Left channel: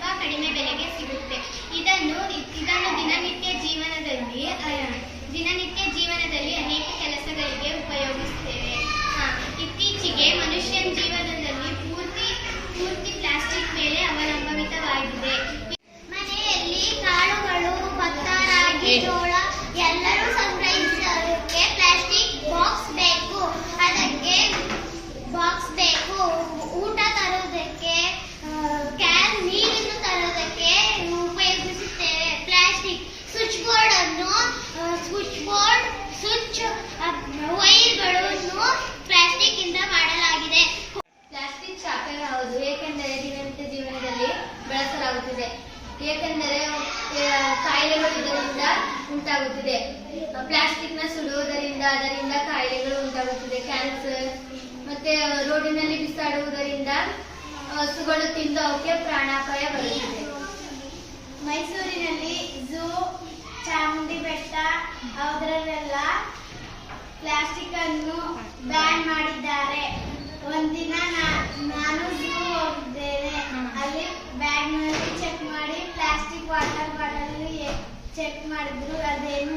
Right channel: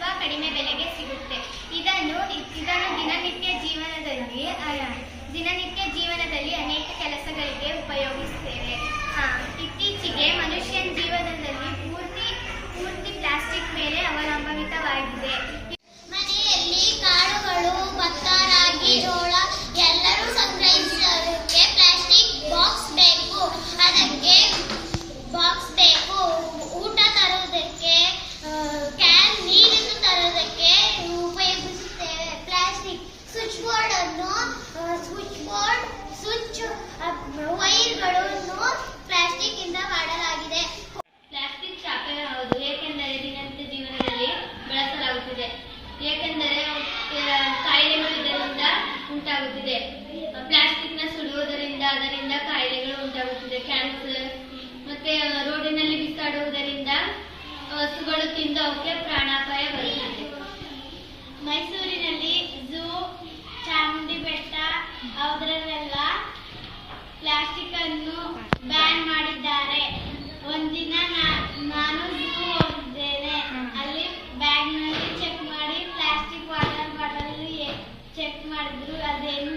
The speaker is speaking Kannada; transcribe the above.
ತುಂಬಾ ಕಡಿಮೆ ಬೆಲೆಗೆ ಸಿಗುತ್ತೆ. ಇದನ್ನು ದಿನನಿತ್ಯ ಜೀವನದಲ್ಲಿ ಅನೇಕ ಕೆಲಸಗಳಿಗೆ ಉಪಯೋಗಿಸುತ್ತೇವೆ. ಇತ್ತೀಚೆಗೆ ಮನುಷ್ಯನ ಜೀವನದಲ್ಲಿ ಪೂರ್ತಿ ಪ್ಲಾಸ್ಟಿಕ್ ಮೇಲೆ ಅವಲಂಬಿತವಾಗಿದೆ. ಮನೆಯಲ್ಲಿ ಕಾಳುಗಳು, ಭತ್ತ, ರಾಗಿ, ಜೋಳ ಎಲ್ಲರೂ ಸಂಗ್ರಹಿಸೋದಕ್ಕೆ ಪ್ಲಾಸ್ಟಿಕ್ ಬಾಕ್ಸ್ ಬೇಕು. ಅದಕ್ಕೆ ಬಾಕ್ಸ್ ಬೇಕು. ಊಟ ತರುವುದಕ್ಕೆ ಕ್ಯಾನ್, ನೀರನ್ನು ತರುವುದಕ್ಕೆ ಉಪಯೋಗಿಸುತ್ತೇವೆ ಪ್ಲಾಸ್ಟಿಕ್. ಸ್ವಿಚ್ ವೈರ್ಗಳನ್ನು ಪ್ಲಾಸ್ಟಿಕ್ ಇಂದ ಮಾಡಲಾಗಿದೆ. ಪ್ಲಾಸ್ಟಿಕ್ ಶಾಪನ ಹೌದು, ಏಕೆಂದರೆ ದಿನನಿತ್ಯ ಜೀವನದಲ್ಲಿ ಬಳಸಲಾಗುತ್ತಿದೆ. ಏಕೆಂದರೆ ಕಾಯಿಲೆಗಳು ಇದರಿಂದ ಉಂಟಾಗುತ್ತಿದೆ. ಪ್ಲಾಸ್ಟಿಕ್ನ ಸುಡುವುದರಿಂದ ಅದರಿಂದ ಕಾಯಿಲೆಗಳು ಉಂಟಾಗುತ್ತಿದೆ. ಕ್ಯಾನ್ಸರ್ ಮತ್ತೆ ರೋಡಿನಲ್ಲಿ ಬಿಸಾಡುವುದರಿಂದ ಹಸುಗಳು ತಿಂದು ಅವಕ್ಕೆ ಪ್ರಾಣಾಪಾಯ ಬರುತ್ತದೆ. ಮೈಸೂರಿನಲ್ಲಿ ಝೂ, ಚಾಮುಂಡಿ ಬೆಟ್ಟ ಅದರಲ್ಲೆಲ್ಲ ಪ್ಲಾಸ್ಟಿಕ್ ಅನ್ನು ಬ್ಯಾನ್ ಮಾಡಿದ್ದಾರೆ. ಒಂದಿನ ನಾನು ಝೂ ಹೋಗಿದ್ದೇನೆ. ಅಲ್ಲಿ ಬ್ಯಾಗ್ನಲ್ಲಿ ಚೆಕ್ ಮಾಡಿ ಪ್ಲಾಸ್ಟಿಕ್ ವಾಟರ್ ಬಾಟಲ್ ಚೆಕ್ ಮಾಡಿದ್ರು, ಅದೇನು